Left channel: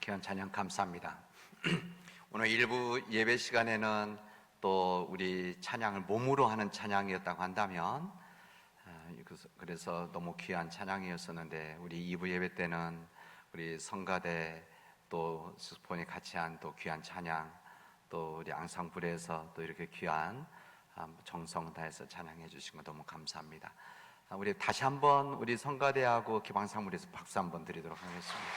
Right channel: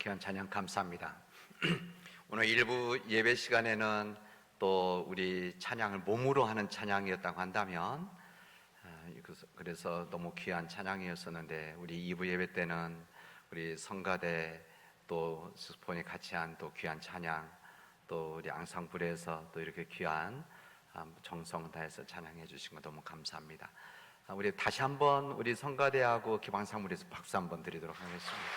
귀한 찬양 감사합니다. 오늘 일부 예배 시간에는 또 우리 찬양을 몸으로 하는 찬양이었다고 한다면 그래서 너무 귀한 찬양이었었는데, 우리 2부 예배 때는 우리 성가대 또 스폰이 같이 한 또 귀한 찬양, 또 우리 앙상블에서 또 이렇게 귀한 정성 다해서 찬양해 주신 거 너무 감사합니다. 우리 다시 한번 우리 성가대하고 기방상물에서 박수 한번 드리도록 하겠습니다.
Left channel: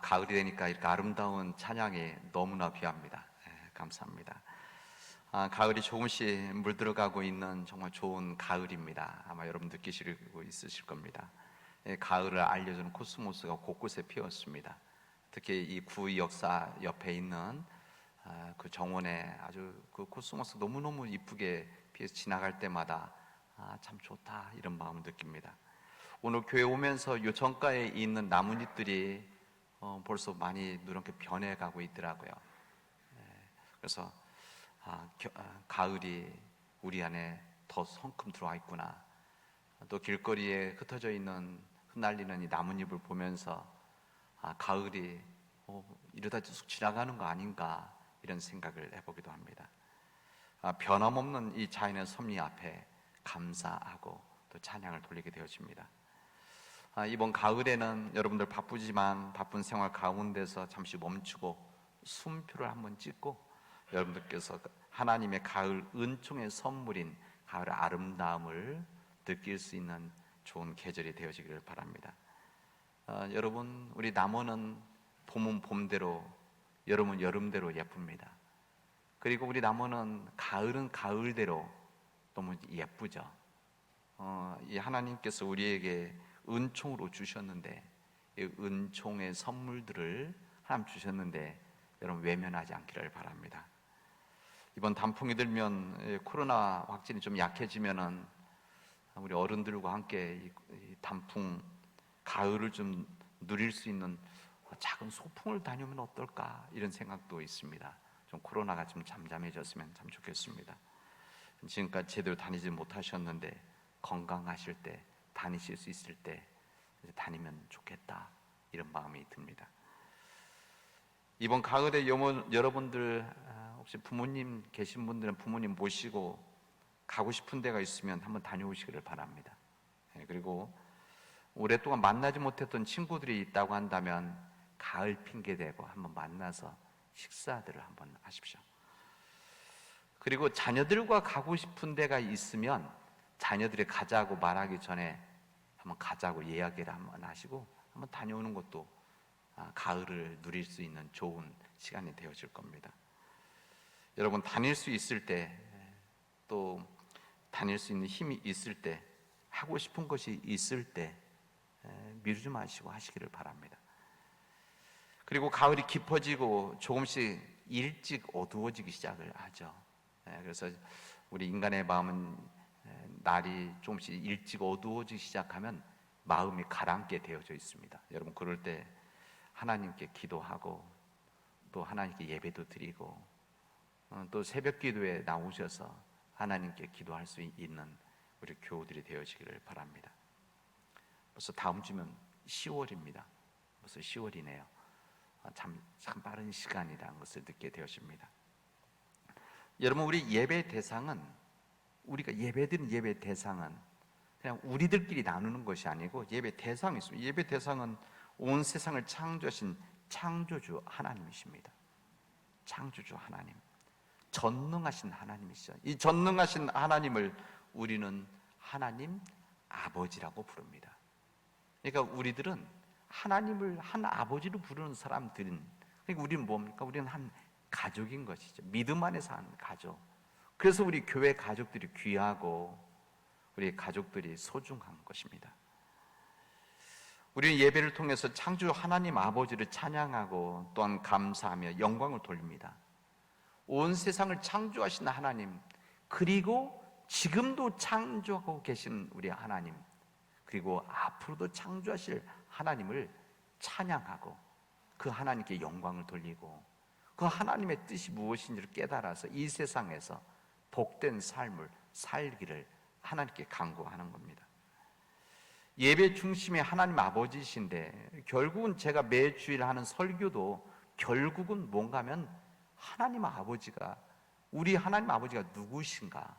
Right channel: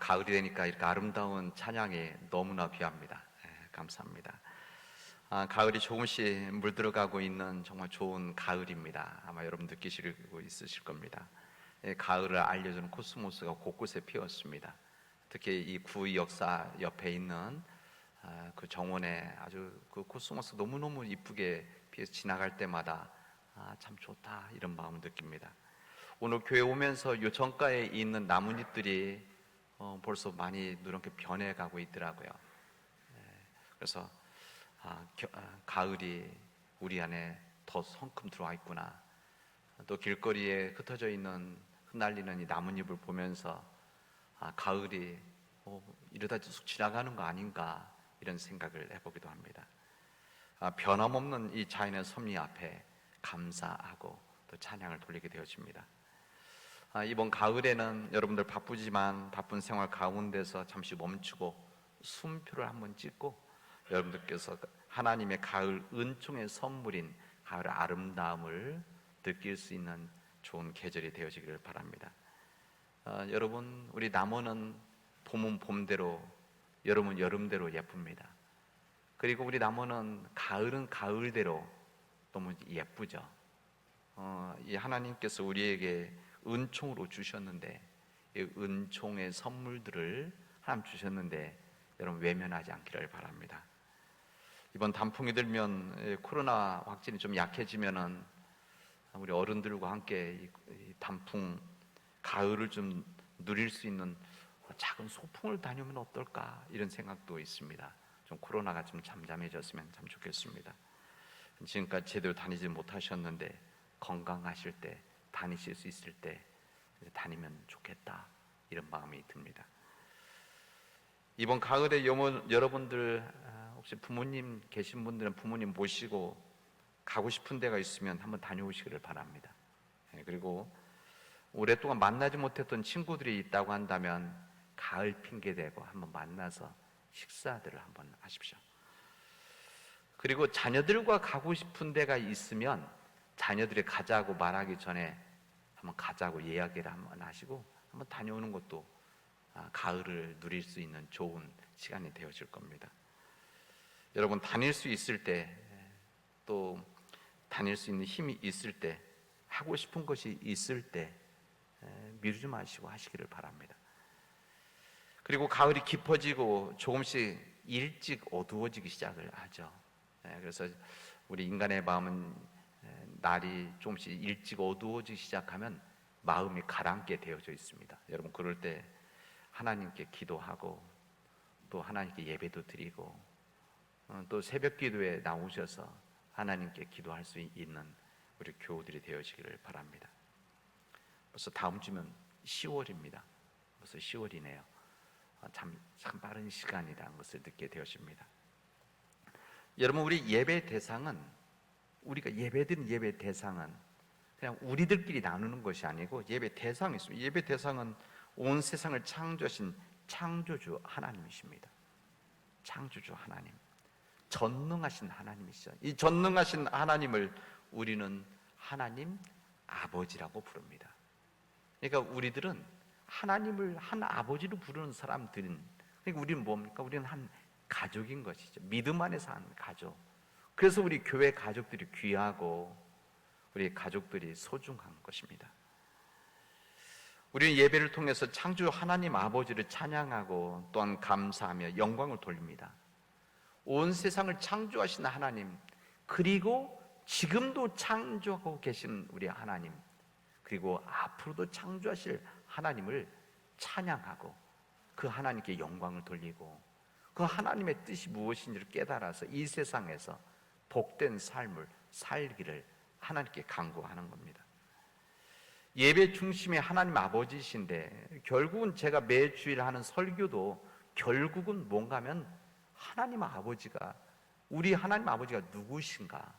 가을이 되니까 이렇게 아름다운 찬양이 너무나 귀합니다. 감사합니다. 가을이 조금씩 물들어가고 있는 정말 좋은 가을입니다. 아마 여러분 느끼시고 있으실 겁니다. 가을을 알려주는 코스모스가 곳곳에 피었습니다. 특히 이 구의 역사 옆에 있는 그 정원에 아주 그 코스모스 너무너무 이쁘게 피어서 지나갈 때마다 참 좋다 이런 마음을 느낍니다. 오늘 교회 오면서 요정가에 있는 나뭇잎들이 벌써 많이 누렇게 변해가고 있더라고요. 그래서 가을이 우리 안에 더 성큼 들어와 있구나. 또 길거리에 흩어져 있는 흩날리는 이 나뭇잎을 보면서 가을이 이러다 쑥 지나가는 거 아닌가 이런 생각을 해보기도 합니다. 변함없는 이 자연의 섭리 앞에 감사하고 또 찬양을 돌리게 되어집니다. 이번 가을에는 여러분들 바쁘지만 바쁜 생활 가운데서 잠시 멈추고 숨표를 한번 찍고 여러분들께서 하나님의 가을 은총의 선물인 가을 아름다움을 느낄 수 있는 좋은 계절이 되어지기를 바랍니다. 여러분, 우리 나무는 봄은 봄대로, 여름은 여름대로 예쁩니다. 그리고 우리 나무는 가을은 가을대로 너무 예쁘죠. 이 하나님께서 우리에게 은총으로 주셨는데, 이 은총의 선물들을 하나님 주셨는데 여러분 외면하지 않기를 바랍니다. 이번 단풍이 들면 코로나 확진이 좀 약해지면은 우리 어른들과 함께 이 단풍 가을을 좀 누릴 수 있는 작은 소풍을 다니면 어떨까 이런 생각도 있습니다. 좀 코로나가 좀 잠잠해졌으면 참 좋겠습니다. 지금까지 제대로 다니지 못하셨는데 건강하실 때 다니실 수 있을 때 다니면 좋겠다 이런 마음이 듭니다. 이번 가을에 여러분들 혹시 부모님 계신 분들은 부모님 모시고 가고 싶은 데가 있으면 한번 다녀오시기를 바랍니다. 그리고 오랫동안 만나지 못했던 친구들이 있다고 한다면 가을 핑계대고 한번 만나서 식사들을 한번 하십시오. 그리고 자녀들과 가고 싶은 데가 있으면 자녀들이 가자고 말하기 전에 한번 가자고 이야기를 한번 하시고 한번 다녀오는 것도 가을을 누릴 수 있는 좋은 시간이 되어질 겁니다. 여러분 다닐 수 있을 때, 또 다닐 수 있는 힘이 있을 때, 하고 싶은 것이 있을 때 미루지 마시고 하시기를 바랍니다. 그리고 가을이 깊어지고 조금씩 일찍 어두워지기 시작을 하죠. 그래서 우리 인간의 마음은 날이 조금씩 일찍 어두워지기 시작하면 마음이 가라앉게 되어져 있습니다. 여러분 그럴 때 하나님께 기도하고 또 하나님께 예배도 드리고 또 새벽 기도에 나오셔서 하나님께 기도할 수 있는 우리 교우들이 되어지기를 바랍니다. 벌써 다음 주면 10월입니다. 벌써 10월이네요. 참 빠른 시간이라는 것을 느끼게 되어집니다. 여러분 우리 예배 대상은, 우리가 예배드린 예배 대상은 그냥 우리들끼리 나누는 것이 아니고 예배 대상이 있습니다. 예배 대상은 온 세상을 창조하신 창조주 하나님이십니다. 창조주 하나님, 전능하신 하나님이시죠. 이 전능하신 하나님을 우리는 하나님 아버지라고 부릅니다. 그러니까 우리들은 하나님을 한 아버지로 부르는 사람들은, 그러니까 우리는 뭡니까? 우리는 한 가족인 것이죠. 믿음 안에서 한 가족. 그래서 우리 교회 가족들이 귀하고 우리 가족들이 소중한 것입니다. 우리는 예배를 통해서 창조 하나님 아버지를 찬양하고 또한 감사하며 영광을 돌립니다. 온 세상을 창조하신 하나님, 그리고 지금도 창조하고 계신 우리 하나님, 그리고 앞으로도 창조하실 하나님을 찬양하고 그 하나님께 영광을 돌리고 그 하나님의 뜻이 무엇인지를 깨달아서 이 세상에서 복된 삶을 살기를 하나님께 간구하는 겁니다. 예배 중심의 하나님 아버지이신데, 결국은 제가 매주일 하는 설교도 결국은 뭔가 하면 하나님 아버지가, 우리 하나님 아버지가 누구신가,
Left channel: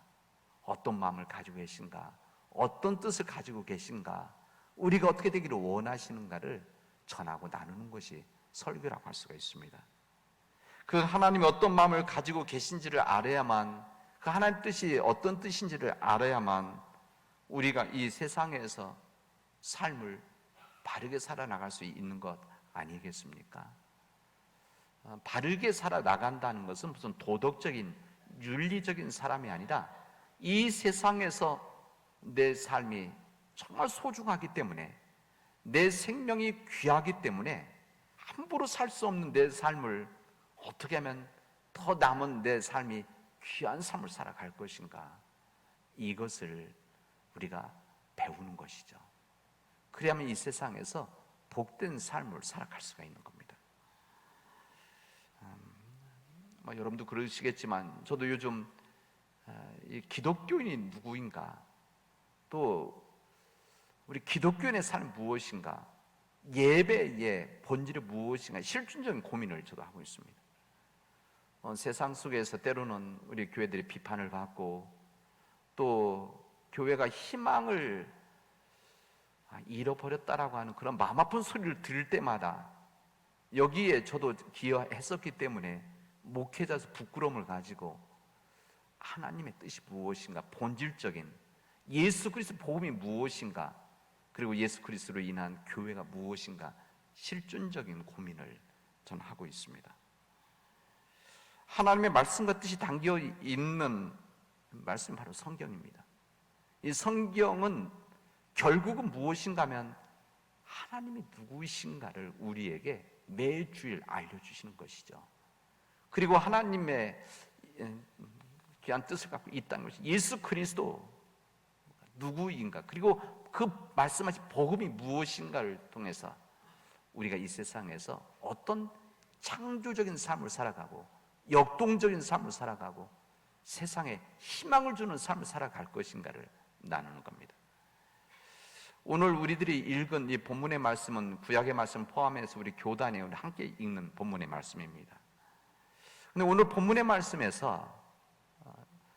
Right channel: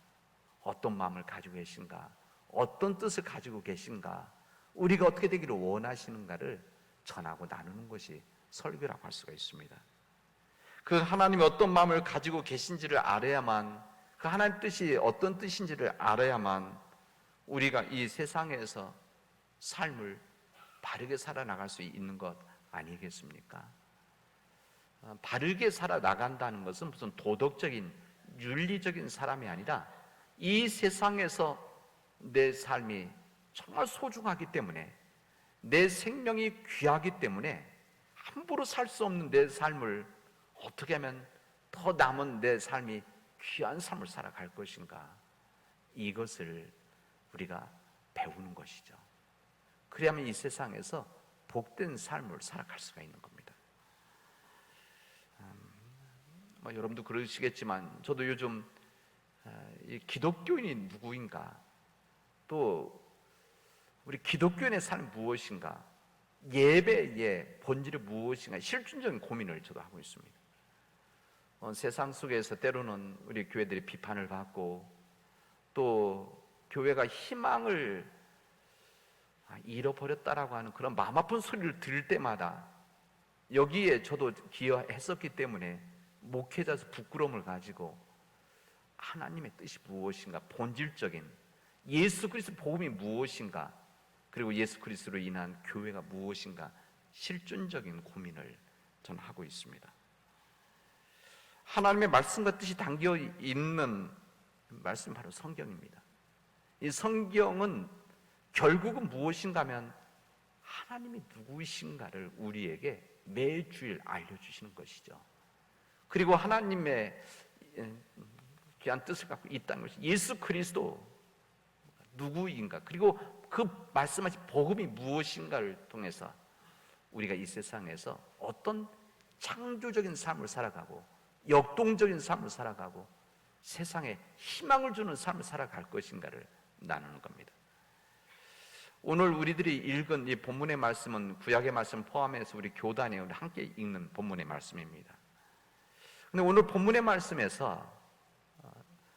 어떤 마음을 가지고 계신가, 어떤 뜻을 가지고 계신가, 우리가 어떻게 되기를 원하시는가를 전하고 나누는 것이 설교라고 할 수가 있습니다. 그 하나님이 어떤 마음을 가지고 계신지를 알아야만, 그 하나님 뜻이 어떤 뜻인지를 알아야만 우리가 이 세상에서 삶을 바르게 살아나갈 수 있는 것 아니겠습니까? 바르게 살아나간다는 것은 무슨 도덕적인, 윤리적인 사람이 아니라 이 세상에서 내 삶이 정말 소중하기 때문에, 내 생명이 귀하기 때문에 함부로 살 수 없는 내 삶을 어떻게 하면 더 남은 내 삶이 귀한 삶을 살아갈 것인가, 이것을 우리가 배우는 것이죠. 그래야만 이 세상에서 복된 삶을 살아갈 수가 있는 겁니다. 여러분도 그러시겠지만 저도 요즘 이 기독교인이 누구인가, 또 우리 기독교인의 삶 무엇인가, 예배의 본질이 무엇인가, 실존적인 고민을 저도 하고 있습니다. 세상 속에서 때로는 우리 교회들이 비판을 받고, 또 교회가 희망을 잃어버렸다라고 하는 그런 마음 아픈 소리를 들을 때마다 여기에 저도 기여했었기 때문에 목회자에서 부끄러움을 가지고 하나님의 뜻이 무엇인가, 본질적인 예수 그리스도 복음이 무엇인가, 그리고 예수 그리스도로 인한 교회가 무엇인가, 실존적인 고민을 저는 하고 있습니다. 하나님의 말씀과 뜻이 담겨 있는 말씀이 바로 성경입니다. 이 성경은 결국은 무엇인가 하면 하나님이 누구이신가를 우리에게 매주일 알려주시는 것이죠. 그리고 하나님의 귀한 뜻을 갖고 있다는 것이 예수 그리스도 누구인가, 그리고 그 말씀하신 복음이 무엇인가를 통해서 우리가 이 세상에서 어떤 창조적인 삶을 살아가고, 역동적인 삶을 살아가고, 세상에 희망을 주는 삶을 살아갈 것인가를 나누는 겁니다. 오늘 우리들이 읽은 이 본문의 말씀은 구약의 말씀을 포함해서 우리 교단에 함께 읽는 본문의 말씀입니다. 근데 오늘 본문의 말씀에서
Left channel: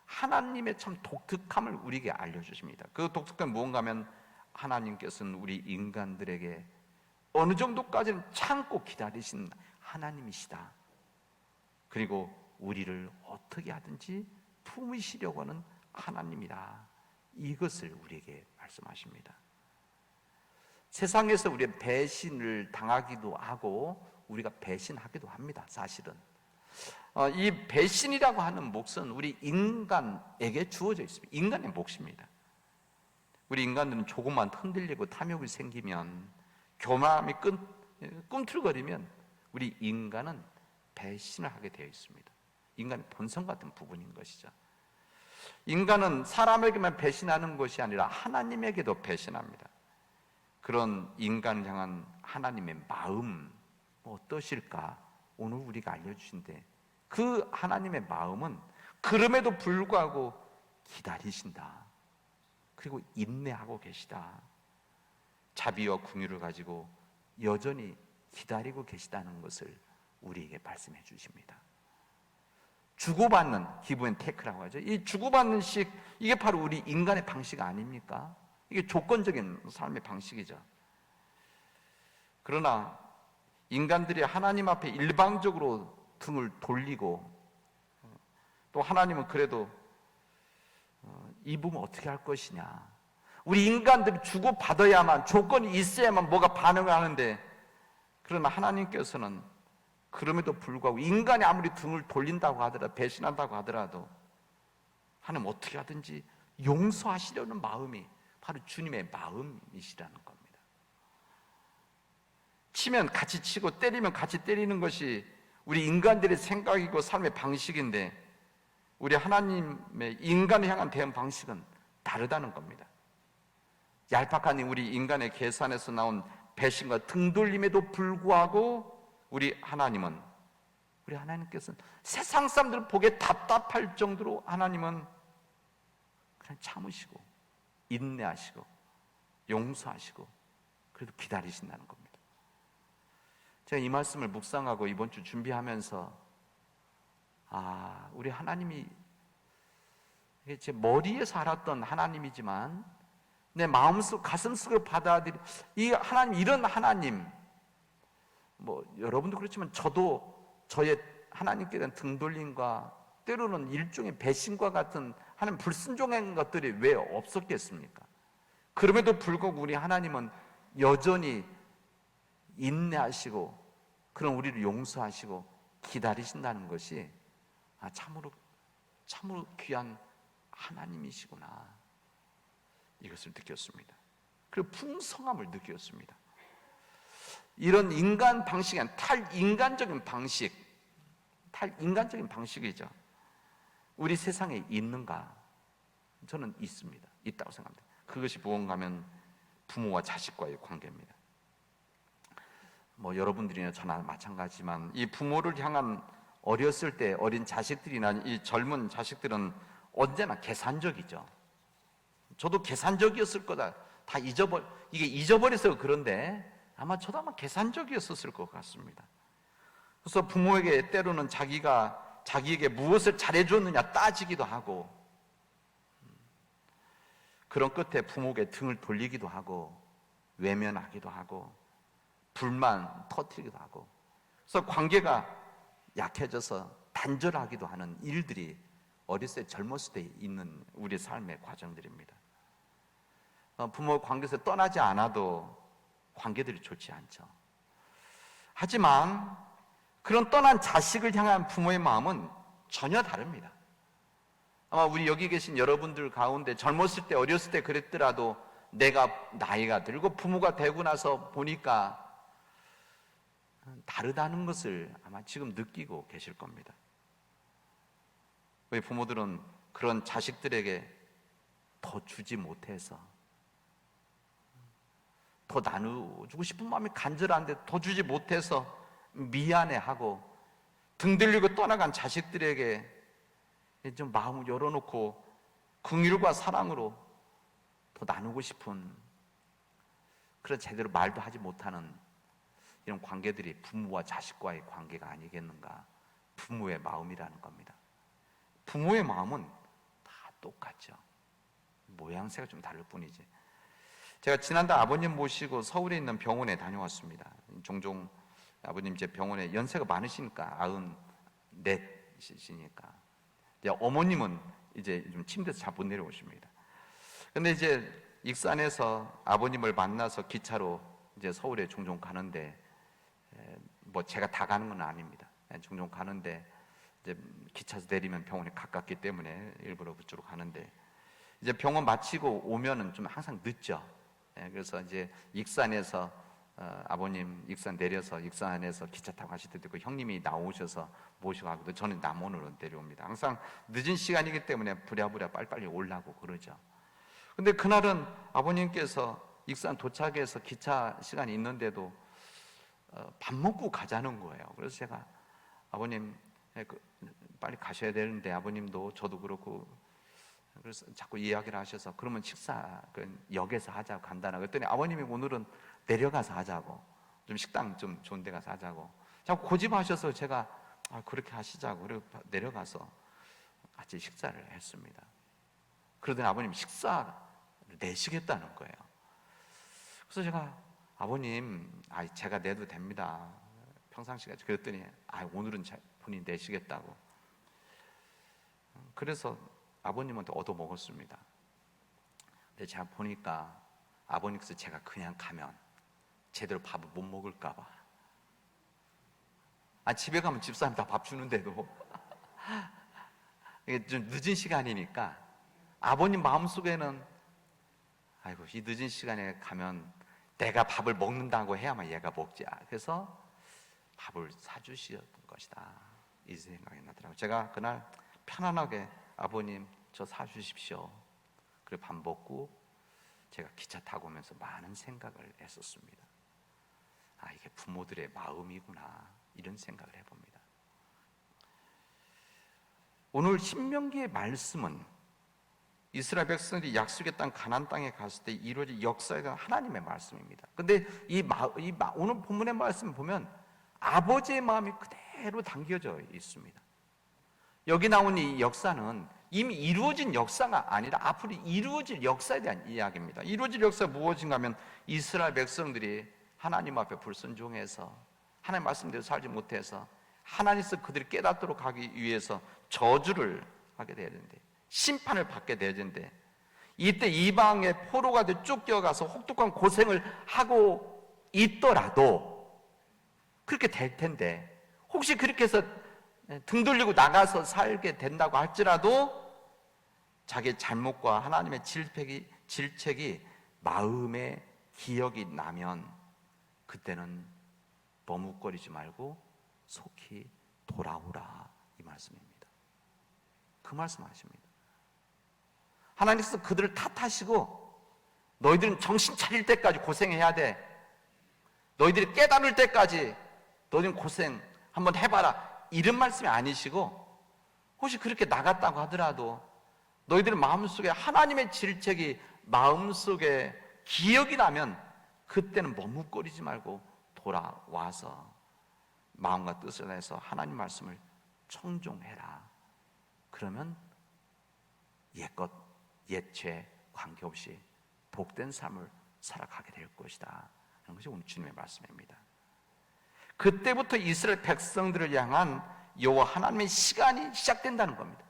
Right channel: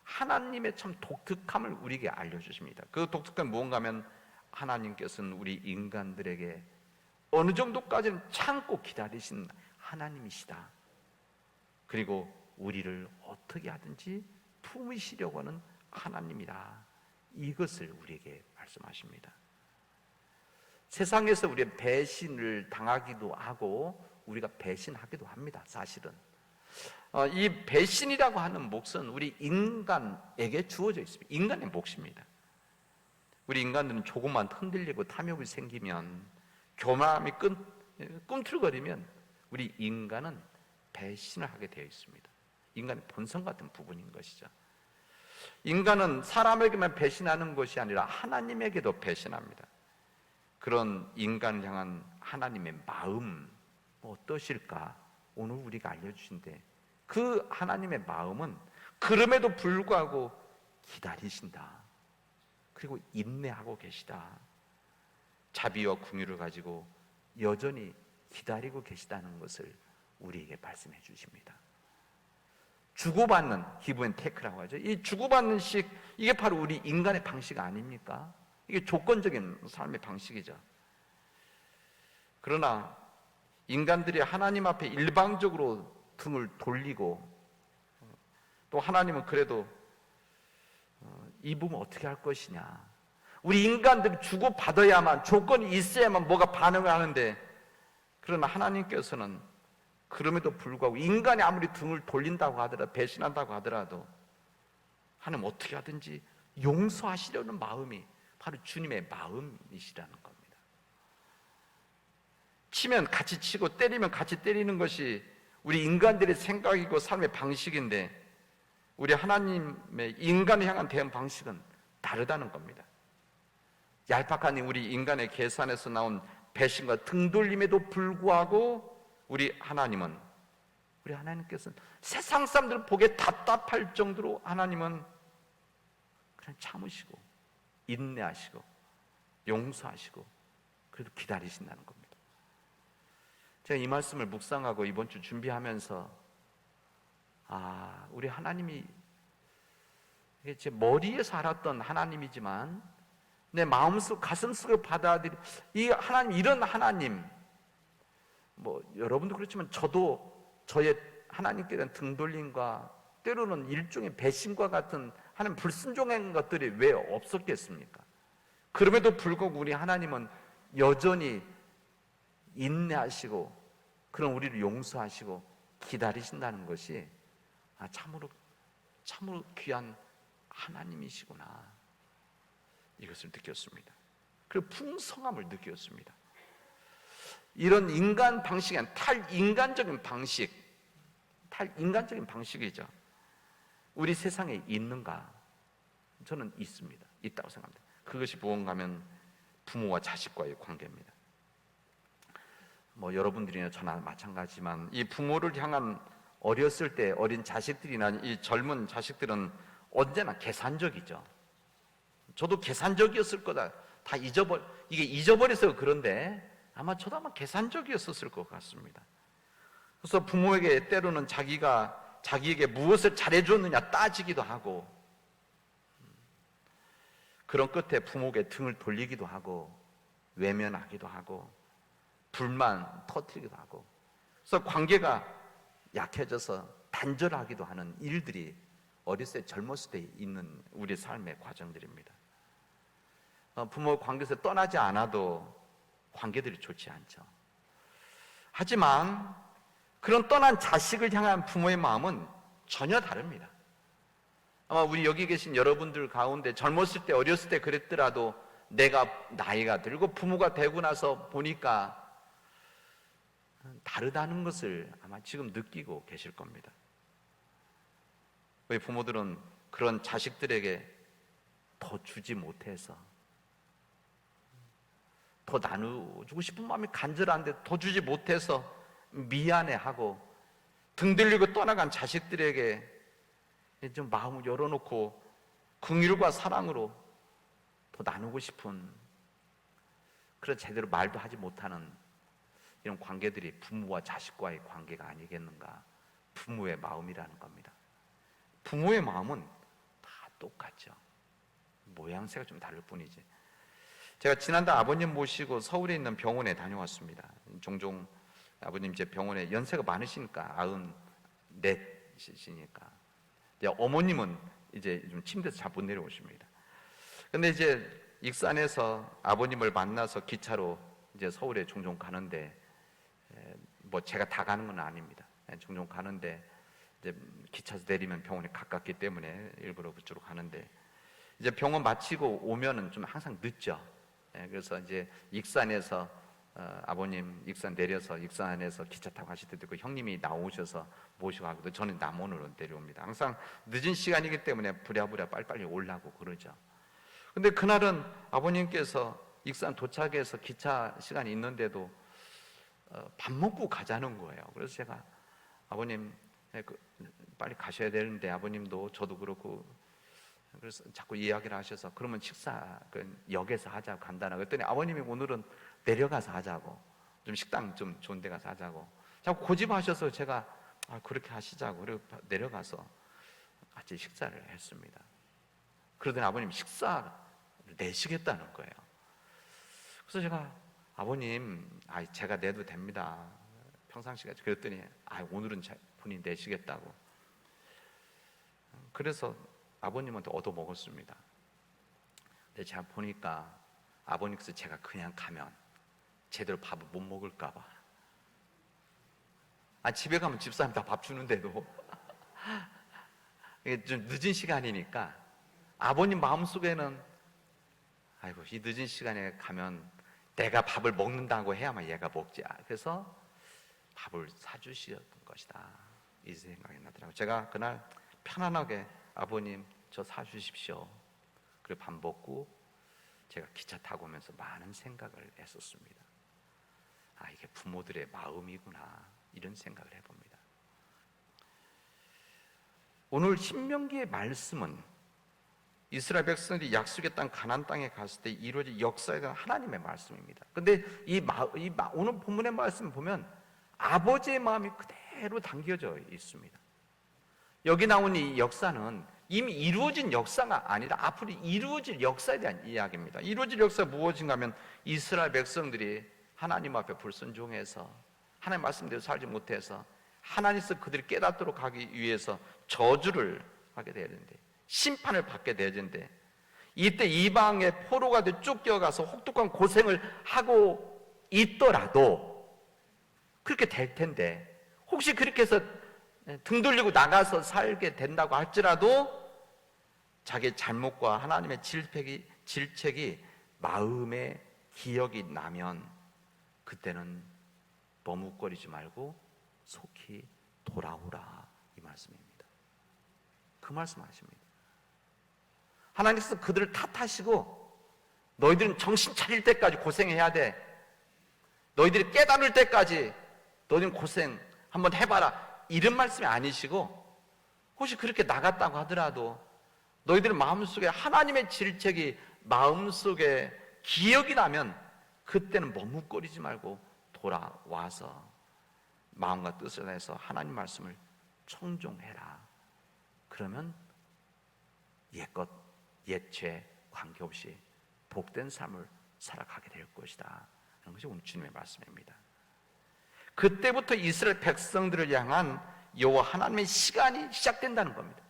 하나님의 참 독특함을 우리에게 알려주십니다. 그 독특함은 뭔가 하면 하나님께서는 우리 인간들에게 어느 정도까지는 참고 기다리신 하나님이시다. 그리고 우리를 어떻게 하든지 품으시려고 하는 하나님이다. 이것을 우리에게 말씀하십니다. 세상에서 우리가 배신을 당하기도 하고 우리가 배신하기도 합니다. 사실은 이 배신이라고 하는 몫은 우리 인간에게 주어져 있습니다. 인간의 몫입니다. 우리 인간들은 조금만 흔들리고 탐욕이 생기면, 교만함이 꿈틀거리면 우리 인간은 배신을 하게 되어 있습니다. 인간의 본성 같은 부분인 것이죠. 인간은 사람에게만 배신하는 것이 아니라 하나님에게도 배신합니다. 그런 인간을 향한 하나님의 마음 어떠실까? 오늘 우리가 알려주신데, 그 하나님의 마음은 그럼에도 불구하고 기다리신다. 그리고 인내하고 계시다. 자비와 긍휼을 가지고 여전히 기다리고 계시다는 것을 우리에게 말씀해 주십니다. 주고받는 기브 앤 테이크라고 하죠. 이 주고받는 식, 이게 바로 우리 인간의 방식 아닙니까? 이게 조건적인 삶의 방식이죠. 그러나 인간들이 하나님 앞에 일방적으로 등을 돌리고, 또 하나님은 그래도 이 부분 어떻게 할 것이냐, 우리 인간들이 주고받아야만, 조건이 있어야만 뭐가 반응을 하는데, 그러나 하나님께서는 그럼에도 불구하고 인간이 아무리 등을 돌린다고 하더라도, 배신한다고 하더라도 하나님 어떻게 하든지 용서하시려는 마음이 바로 주님의 마음이시라는 겁니다. 치면 같이 치고 때리면 같이 때리는 것이 우리 인간들의 생각이고 삶의 방식인데, 우리 하나님의 인간을 향한 대응 방식은 다르다는 겁니다. 얄팍한 우리 인간의 계산에서 나온 배신과 등돌림에도 불구하고 우리 하나님께서는 세상 사람들 보기에 답답할 정도로 하나님은 그냥 참으시고 인내하시고 용서하시고 그래도 기다리신다는 겁니다. 제가 이 말씀을 묵상하고 이번 주 준비하면서 우리 하나님이 이게 제 머리에서 알았던 하나님이지만 내 마음속 가슴속에 받아들이 이 하나님, 이런 하나님, 뭐 여러분도 그렇지만 저도 저의 하나님께 대한 등돌림과 때로는 일종의 배신과 같은 하나님 불순종한 것들이 왜 없었겠습니까? 그럼에도 불구하고 우리 하나님은 여전히 인내하시고 그런 우리를 용서하시고 기다리신다는 것이 참으로 귀한 하나님이시구나, 이것을 느꼈습니다. 그 풍성함을 느꼈습니다. 이런 인간 방식은 탈인간적인 방식이죠. 우리 세상에 있는가? 저는 있습니다. 있다고 생각합니다. 그것이 무언가면 부모와 자식과의 관계입니다. 뭐 여러분들이나 저나 마찬가지지만 이 부모를 향한 어렸을 때 어린 자식들이나 이 젊은 자식들은 언제나 계산적이죠. 저도 계산적이었을 거다. 이게 잊어버려서 그런데 아마 저도 아마 계산적이었을 것 같습니다. 그래서 부모에게 때로는 자기에게 무엇을 잘해줬느냐 따지기도 하고, 그런 끝에 부모에게 등을 돌리기도 하고, 외면하기도 하고, 불만 터뜨리기도 하고, 그래서 관계가 약해져서 단절하기도 하는 일들이 어렸을 때 젊었을 때 있는 우리 삶의 과정들입니다. 부모 관계에서 떠나지 않아도 관계들이 좋지 않죠. 하지만 그런 떠난 자식을 향한 부모의 마음은 전혀 다릅니다. 우리 여기 계신 여러분들 가운데 젊었을 때 어렸을 때 그랬더라도 내가 나이가 들고 부모가 되고 나서 보니까 다르다는 것을 아마 지금 느끼고 계실 겁니다. 왜 부모들은 그런 자식들에게 더 주지 못해서, 더 나누고 싶은 마음이 간절한데 더 주지 못해서 미안해하고, 등 들리고 떠나간 자식들에게 좀 마음을 열어놓고 긍휼과 사랑으로 더 나누고 싶은, 그런 제대로 말도 하지 못하는 이런 관계들이 부모와 자식과의 관계가 아니겠는가. 부모의 마음이라는 겁니다. 부모의 마음은 다 똑같죠. 모양새가 좀 다를 뿐이지. 제가 지난달 아버님 모시고 서울에 있는 병원에 다녀왔습니다. 종종 아버님 이제 병원에 연세가 많으시니까 94이시니까 어머님은 이제 좀 침대에서 자고 내려오십니다. 근데 이제 익산에서 아버님을 만나서 기차로 이제 서울에 종종 가는데, 뭐 제가 다 가는 건 아닙니다. 종종 가는데 이제 기차에서 내리면 병원이 가깝기 때문에 일부러 그쪽으로 가는데, 이제 병원 마치고 오면은 좀 항상 늦죠. 그래서 이제 익산에서 아버님 익산 내려서 익산 안에서 기차 타고 가실 때도 그 형님이 나오셔서 모시고 가고, 저는 남원으로 내려옵니다. 항상 늦은 시간이기 때문에 부랴부랴 빨리빨리 오려고 그러죠. 근데 그날은 아버님께서 익산 도착해서 기차 시간이 있는데도 밥 먹고 가자는 거예요. 그래서 제가 아버님 빨리 가셔야 되는데, 아버님도 저도 그렇고, 그래서 자꾸 이야기를 하셔서 그러면 식사 역에서 하자 간다라고 했더니 아버님이 오늘은 내려가서 하자고, 좀 식당 좀 좋은 데 가서 하자고 자꾸 고집하셔서 제가 그렇게 하시자고 그리고 내려가서 같이 식사를 했습니다. 그러더니 아버님 식사를 내시겠다는 거예요. 그래서 제가 아버님 제가 내도 됩니다. 평상시에 그랬더니 오늘은 본인이 내시겠다고. 그래서 아버님한테 얻어먹었습니다. 근데 제가 보니까 아버님께서 제가 그냥 가면 제대로 밥을 못 먹을까 봐. 집에 가면 집사람 다 밥 주는데도 이게 좀 늦은 시간이니까 아버님 마음속에는 아이고 이 늦은 시간에 가면 내가 밥을 먹는다고 해야만 얘가 먹지. 그래서 밥을 사주셨던 것이다, 이 생각이 나더라고요. 제가 그날 편안하게 아버님 저 사주십시오. 그리고 밥 먹고 제가 기차 타고 오면서 많은 생각을 했었습니다. 이게 부모들의 마음이구나, 이런 생각을 해봅니다. 오늘 신명기의 말씀은 이스라엘 백성들이 약속의 땅 가나안 땅에 갔을 때 이루어진 역사에 대한 하나님의 말씀입니다. 근데 오늘 본문의 말씀 보면 아버지의 마음이 그대로 담겨져 있습니다. 여기 나온 이 역사는 이미 이루어진 역사가 아니라 앞으로 이루어질 역사에 대한 이야기입니다. 이루어질 역사가 무엇인가 하면 이스라엘 백성들이 하나님 앞에 불순종해서 하나님 말씀대로 살지 못해서 하나님께서 그들이 깨닫도록 하기 위해서 저주를 하게 되는데, 심판을 받게 되는데, 이때 이방의 포로가 돼 쫓겨가서 혹독한 고생을 하고 있더라도 그렇게 될 텐데, 혹시 그렇게 해서 등 돌리고 나가서 살게 된다고 할지라도 자기의 잘못과 하나님의 질책이 마음에 기억이 나면 그때는 머뭇거리지 말고 속히 돌아오라, 이 말씀입니다. 그 말씀하십니다. 하나님께서 그들을 탓하시고 너희들은 정신 차릴 때까지 고생해야 돼, 너희들이 깨달을 때까지 너희들은 고생 한번 해봐라, 이런 말씀이 아니시고, 혹시 그렇게 나갔다고 하더라도 너희들 마음속에 하나님의 질책이 마음속에 기억이 나면 그때는 머뭇거리지 말고 돌아와서 마음과 뜻을 내서 하나님 말씀을 청종해라. 그러면 옛것 옛죄 관계없이 복된 삶을 살아가게 될 것이다. 이런 것이 오늘 주님의 말씀입니다. 그때부터 이스라엘 백성들을 향한 여호와 하나님의 시간이 시작된다는 겁니다.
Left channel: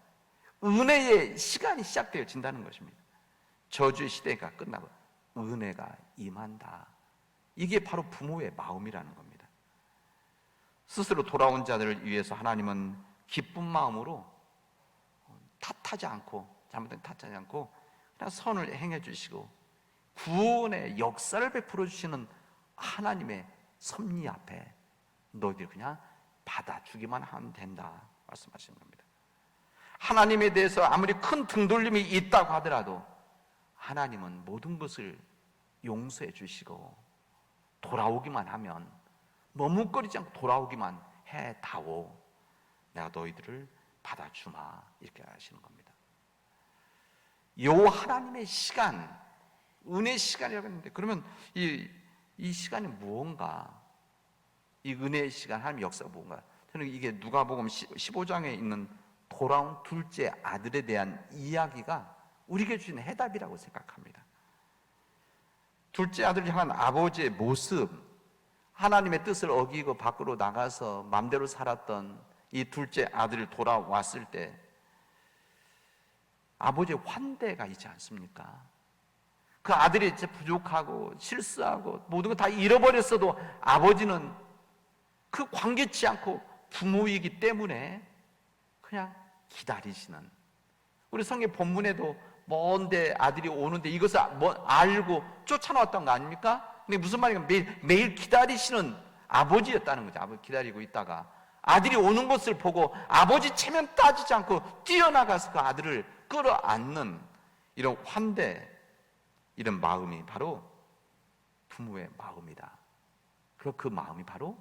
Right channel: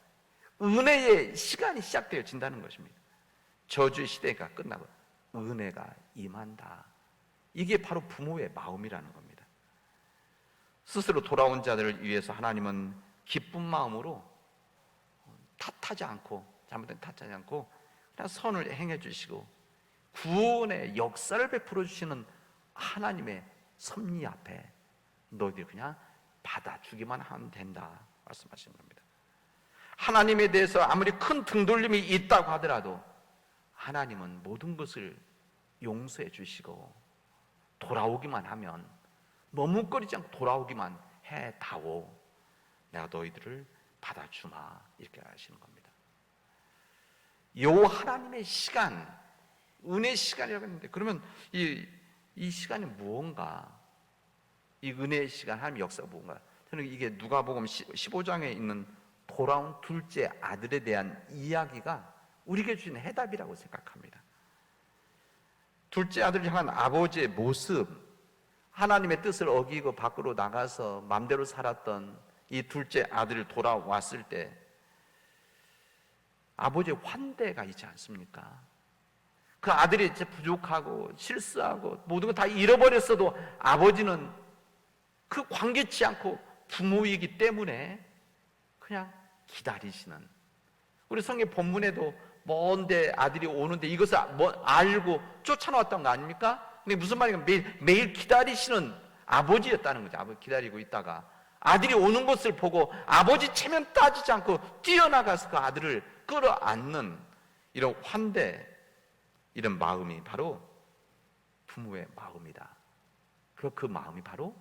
은혜의 시간이 시작되어진다는 것입니다. 저주 시대가 끝나고 은혜가 임한다. 이게 바로 부모의 마음이라는 겁니다. 스스로 돌아온 자들을 위해서 하나님은 기쁜 마음으로 탓하지 않고, 잘못된 탓하지 않고 그냥 선을 행해 주시고 구원의 역사를 베풀어 주시는 하나님의 섭리 앞에 너희들이 그냥 받아주기만 하면 된다 말씀하시는 겁니다. 하나님에 대해서 아무리 큰 등돌림이 있다고 하더라도 하나님은 모든 것을 용서해 주시고 돌아오기만 하면, 머뭇거리지 않고 돌아오기만 해다오, 내가 너희들을 받아주마, 이렇게 하시는 겁니다. 여호와 하나님의 시간, 은혜의 시간이라고 했는데, 그러면 이 시간이 무언가, 이 은혜의 시간, 하나님의 역사가 뭔가, 저는 이게 누가복음 15장에 있는 돌아온 둘째 아들에 대한 이야기가 우리에게 주는 해답이라고 생각합니다. 둘째 아들을 향한 아버지의 모습, 하나님의 뜻을 어기고 밖으로 나가서 마음대로 살았던 이 둘째 아들이 돌아왔을 때 아버지의 환대가 있지 않습니까? 그 아들이 이제 부족하고 실수하고 모든 거 다 잃어버렸어도 아버지는 그 관계치 않고 부모이기 때문에 그냥 기다리시는, 우리 성경 본문에도 먼데 아들이 오는데 이것을 알고 쫓아왔던 거 아닙니까? 근데 무슨 말이에요? 매일 기다리시는 아버지였다는 거죠. 아버지 기다리고 있다가 아들이 오는 것을 보고 아버지 체면 따지지 않고 뛰어나가서 그 아들을 끌어안는 이런 환대, 이런 마음이 바로 부모의 마음이다. 그 마음이 바로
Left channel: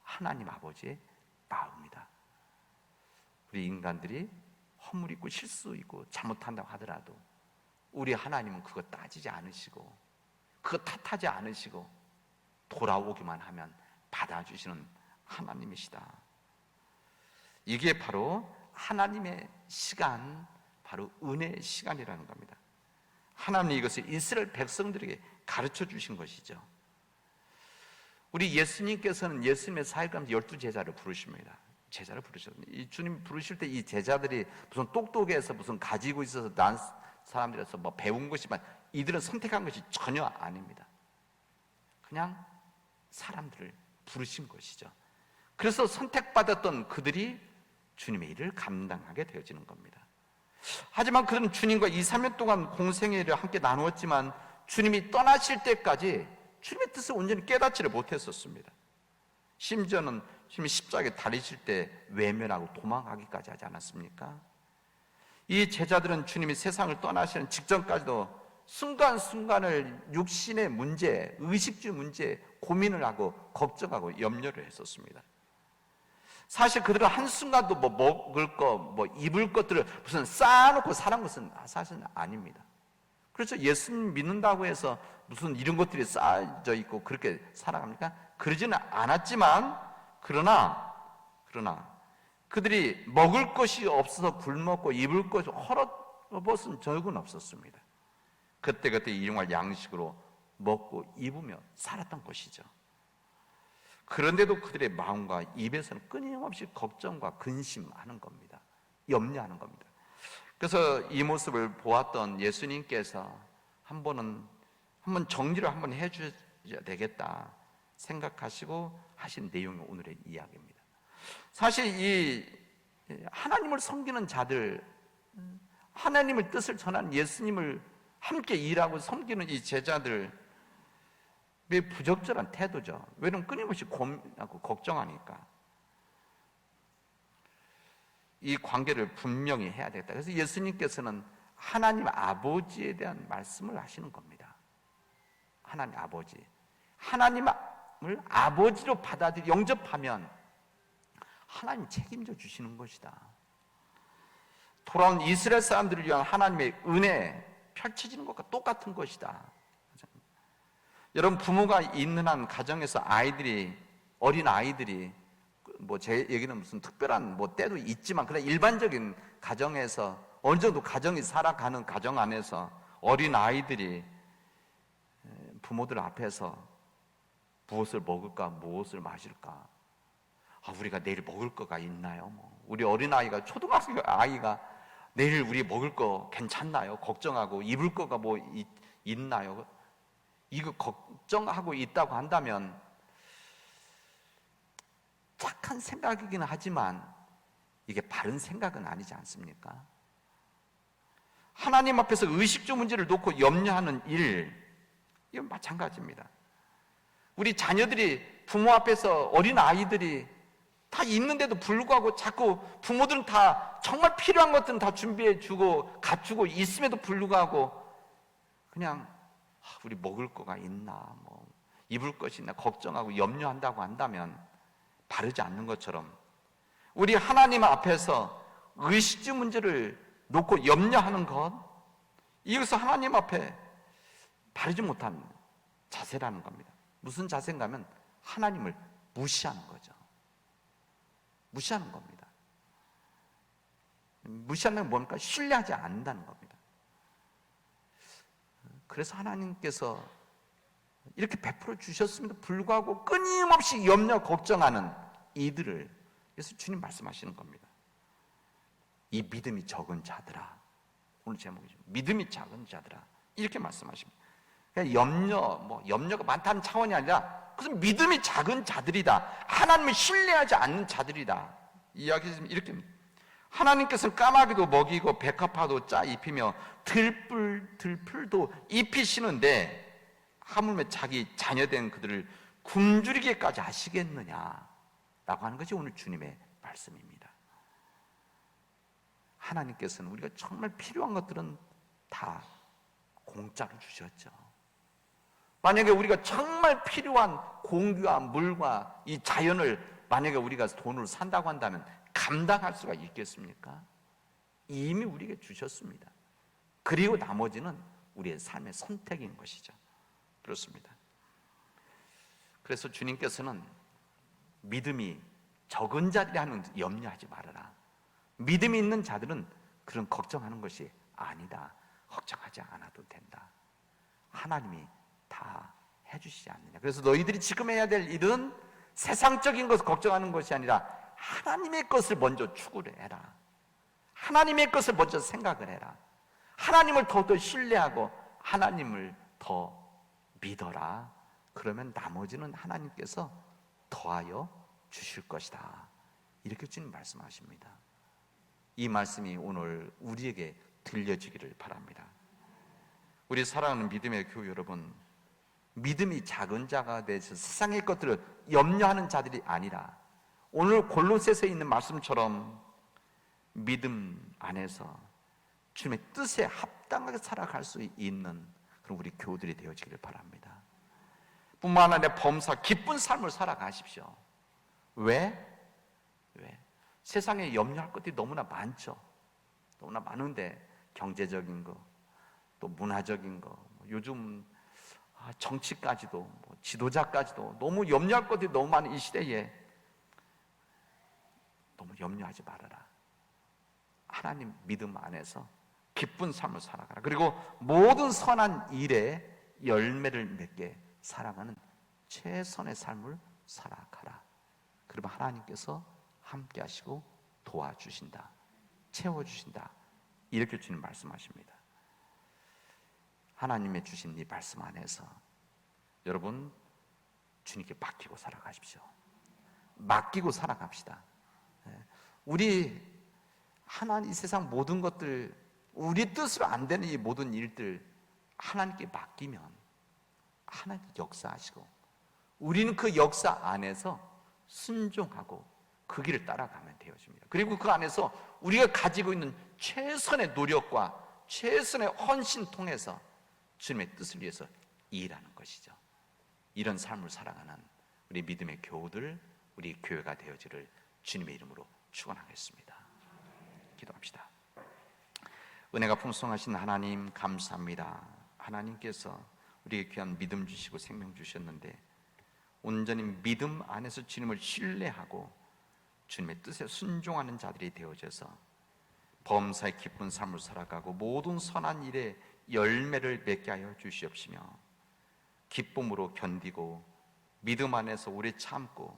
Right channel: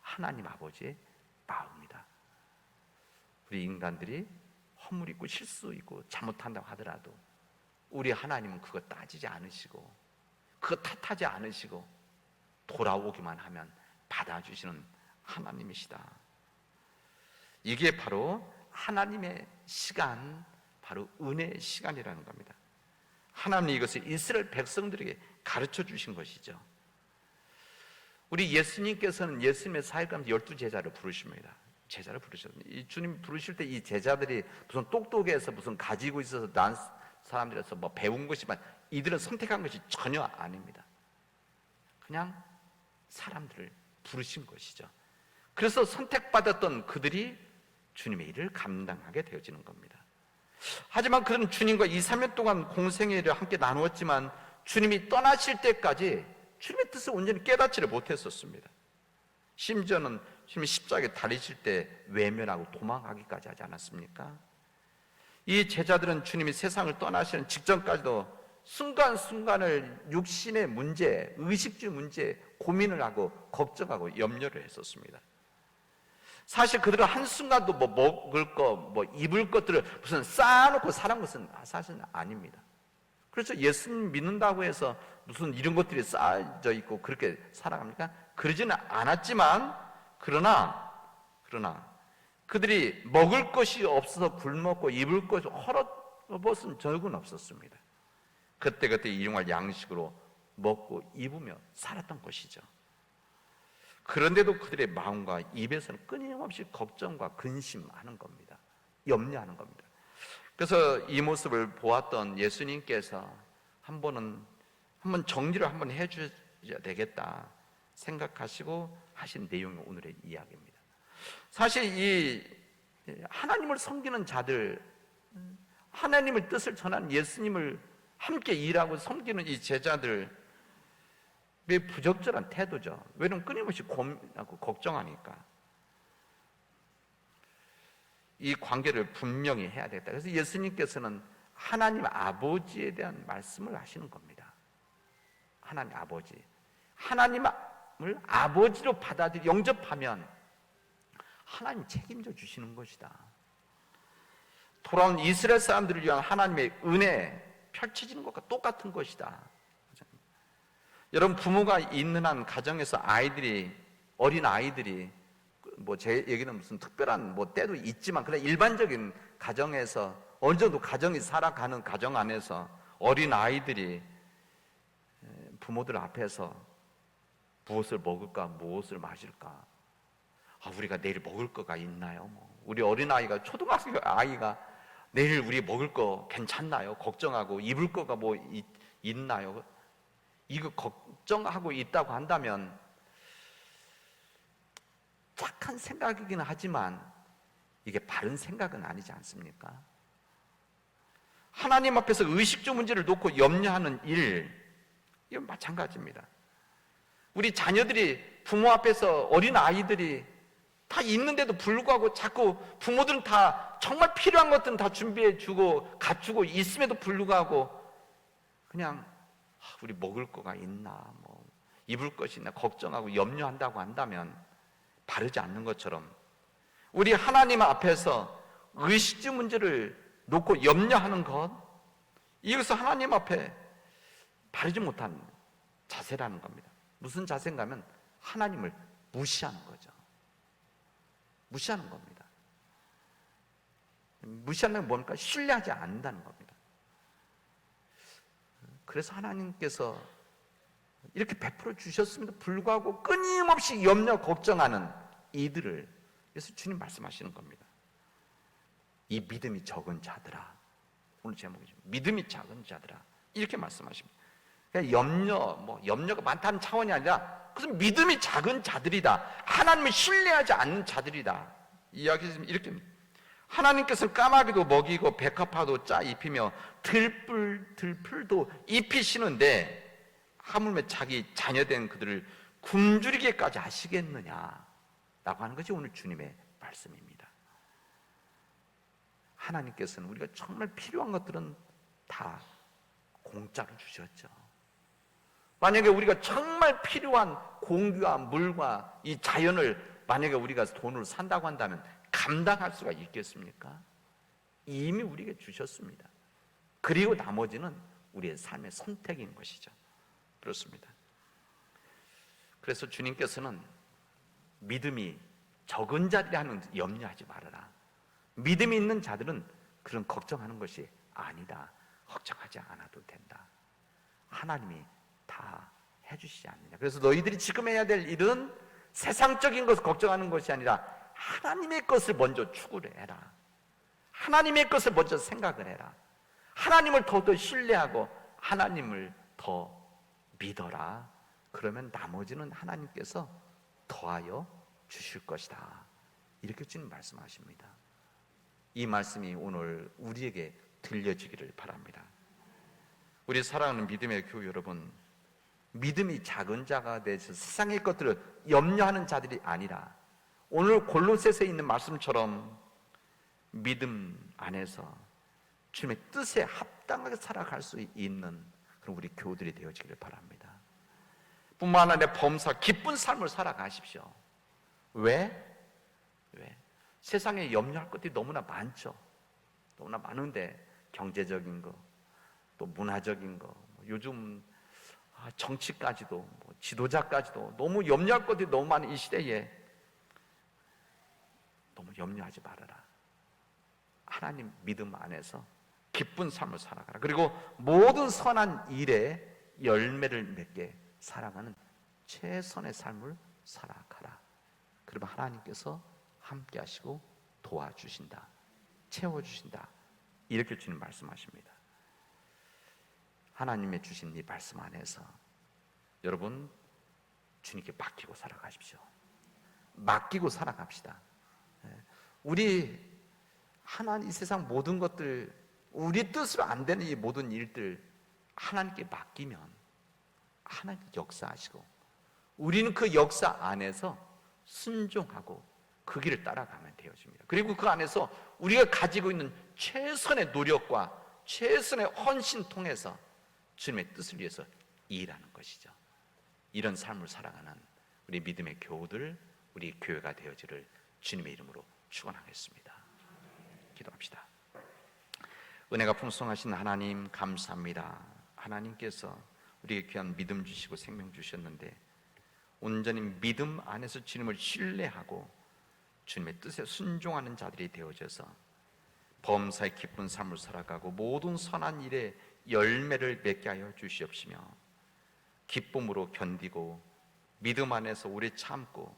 하나님 아버지의 마음이다. 우리 인간들이 허물 있고 실수 있고 잘못한다고 하더라도 우리 하나님은 그거 따지지 않으시고 그거 탓하지 않으시고 돌아오기만 하면 받아주시는 하나님이시다. 이게 바로 하나님의 시간, 바로 은혜의 시간이라는 겁니다. 하나님이 이것을 이스라엘 백성들에게 가르쳐 주신 것이죠. 우리 예수님께서는 예수님의 사역하면서 12제자를 부르십니다. 제자를 부르셨습니다. 이 주님 부르실 때 이 제자들이 무슨 똑똑해서 무슨 가지고 있어서 난 사람들에서 뭐 배운 것이만, 이들은 선택한 것이 전혀 아닙니다. 그냥 사람들을 부르신 것이죠. 그래서 선택받았던 그들이 주님의 일을 감당하게 되어지는 겁니다. 하지만 그는 주님과 2, 3년 동안 공생의 일을 함께 나누었지만 주님이 떠나실 때까지 주님의 뜻을 온전히 깨닫지를 못했었습니다. 심지어는 주님이 십자가에 달리실 때 외면하고 도망가기까지 하지 않았습니까? 이 제자들은 주님이 세상을 떠나시는 직전까지도 순간순간을 육신의 문제, 의식주 문제 고민을 하고 걱정하고 염려를 했었습니다. 사실 그들은 한순간도 뭐 먹을 거, 뭐 입을 것들을 무슨 쌓아놓고 살은 것은 사실은 아닙니다. 그래서 예수님 믿는다고 해서 무슨 이런 것들이 쌓여져 있고 그렇게 살아갑니까? 그러지는 않았지만, 그러나 그들이 먹을 것이 없어서 굶었고 입을 것이 헐어벗은 적은 없었습니다. 그때그때 일용할 양식으로 먹고 입으며 살았던 것이죠. 그런데도 그들의 마음과 입에서는 끊임없이 걱정과 근심하는 겁니다. 염려하는 겁니다. 그래서 이 모습을 보았던 예수님께서 한번 정리를 한번 해줘야 되겠다 생각하시고 하신 내용이 오늘의 이야기입니다. 사실 이 하나님을 섬기는 자들, 하나님의 뜻을 전하는 예수님을 함께 일하고 섬기는 이 제자들, 왜 부적절한 태도죠. 왜냐면 끊임없이 고민하고 걱정하니까. 이 관계를 분명히 해야 되겠다. 그래서 예수님께서는 하나님 아버지에 대한 말씀을 하시는 겁니다. 하나님 아버지. 하나님을 아버지로 영접하면 하나님 책임져 주시는 것이다. 돌아온 이스라엘 사람들을 위한 하나님의 은혜 펼쳐진 것과 똑같은 것이다. 여러분, 부모가 있는 한 가정에서 어린 아이들이, 뭐 제 얘기는 무슨 특별한 뭐 때도 있지만 그냥 일반적인 가정에서 어느 정도 가정이 살아가는 가정 안에서 어린 아이들이 부모들 앞에서 무엇을 먹을까, 무엇을 마실까, 우리가 내일 먹을 거가 있나요? 우리 어린 아이가, 초등학생 아이가 내일 우리 먹을 거 괜찮나요? 걱정하고 입을 거가 뭐 있나요? 이거 걱정하고 있다고 한다면 착한 생각이긴 하지만 이게 바른 생각은 아니지 않습니까? 하나님 앞에서 의식주 문제를 놓고 염려하는 일, 이건 마찬가지입니다. 우리 자녀들이 부모 앞에서, 어린 아이들이 다 있는데도 불구하고 자꾸 부모들은 다 정말 필요한 것들은 다 준비해주고 갖추고 있음에도 불구하고 그냥 우리 먹을 거가 있나, 뭐 입을 것이 있나 걱정하고 염려한다고 한다면 바르지 않는 것처럼, 우리 하나님 앞에서 의식주 문제를 놓고 염려하는 것, 이것은 하나님 앞에 바르지 못한 자세라는 겁니다. 무슨 자세인가 하면 하나님을 무시하는 거죠. 무시하는 겁니다. 무시하는 뭡니까? 신뢰하지 않는다는 겁니다. 그래서 하나님께서 이렇게 베풀어 주셨음에도 불구하고 끊임없이 염려 걱정하는 이들을, 그래서 주님 말씀하시는 겁니다. 이 믿음이 적은 자들아, 오늘 제목이죠. 믿음이 작은 자들아, 이렇게 말씀하십니다. 그러니까 염려가 많다는 차원이 아니라 무슨 믿음이 작은 자들이다, 하나님을 신뢰하지 않는 자들이다, 이야기는 이렇게. 하나님께서는 까마귀도 먹이고 백합화도 짜 입히며 들풀도 입히시는데 하물며 자기 자녀된 그들을 굶주리게까지 하시겠느냐 라고 하는 것이 오늘 주님의 말씀입니다. 하나님께서는 우리가 정말 필요한 것들은 다 공짜로 주셨죠. 만약에 우리가 정말 필요한 공기와 물과 이 자연을 만약에 우리가 돈으로 산다고 한다면 감당할 수가 있겠습니까? 이미 우리에게 주셨습니다. 그리고 나머지는 우리의 삶의 선택인 것이죠. 그렇습니다. 그래서 주님께서는 믿음이 적은 자들이 하는 염려하지 말아라. 믿음이 있는 자들은 그런 걱정하는 것이 아니다. 걱정하지 않아도 된다. 하나님이 다 해주시지 않느냐. 그래서 너희들이 지금 해야 될 일은 세상적인 것을 걱정하는 것이 아니라 하나님의 것을 먼저 추구를 해라. 하나님의 것을 먼저 생각을 해라. 하나님을 더더 신뢰하고 하나님을 더 믿어라. 그러면 나머지는 하나님께서 더하여 주실 것이다. 이렇게 지금 말씀하십니다. 이 말씀이 오늘 우리에게 들려지기를 바랍니다. 우리 사랑하는 믿음의 교회 여러분, 믿음이 작은 자가 돼서 세상의 것들을 염려하는 자들이 아니라 오늘 골로새서에 있는 말씀처럼 믿음 안에서 주님의 뜻에 합당하게 살아갈 수 있는 그런 우리 교우들이 되어지기를 바랍니다. 뿐만 아니라 범사 기쁜 삶을 살아가십시오. 왜? 세상에 염려할 것들이 너무나 많죠. 너무나 많은데 경제적인 거, 또 문화적인 거, 요즘 정치까지도, 지도자까지도 너무 염려할 것들이 너무 많은 이 시대에 너무 염려하지 말아라. 하나님 믿음 안에서 기쁜 삶을 살아가라. 그리고 모든 선한 일에 열매를 맺게 살아가는 최선의 삶을 살아가라. 그러면 하나님께서 함께 하시고 도와주신다. 채워주신다. 이렇게 주님 말씀하십니다. 하나님의 주신 이 말씀 안에서 여러분 주님께 맡기고 살아가십시오. 맡기고 살아갑시다. 우리 하나님 이 세상 모든 것들 우리 뜻으로 안 되는 이 모든 일들 하나님께 맡기면 하나님 역사하시고 우리는 그 역사 안에서 순종하고 그 길을 따라가면 되어집니다. 그리고 그 안에서 우리가 가지고 있는 최선의 노력과 최선의 헌신 통해서 주님의 뜻을 위해서 일하는 것이죠. 이런 삶을 살아가는 우리 믿음의 교우들, 우리 교회가 되어지를 주님의 이름으로 축원하겠습니다. 기도합시다. 은혜가 풍성하신 하나님 감사합니다. 하나님께서 우리에게 귀한 믿음 주시고 생명 주셨는데 온전히 믿음 안에서 주님을 신뢰하고 주님의 뜻에 순종하는 자들이 되어져서 범사의 기쁜 삶을 살아가고 모든 선한 일에 열매를 맺게 하여 주시옵시며 기쁨으로 견디고 믿음 안에서 오래 참고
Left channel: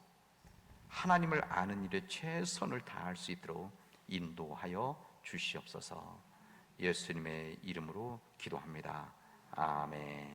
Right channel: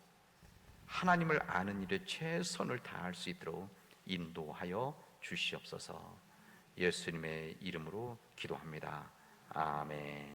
하나님을 아는 일에 최선을 다할 수 있도록 인도하여 주시옵소서. 예수님의 이름으로 기도합니다. 아멘.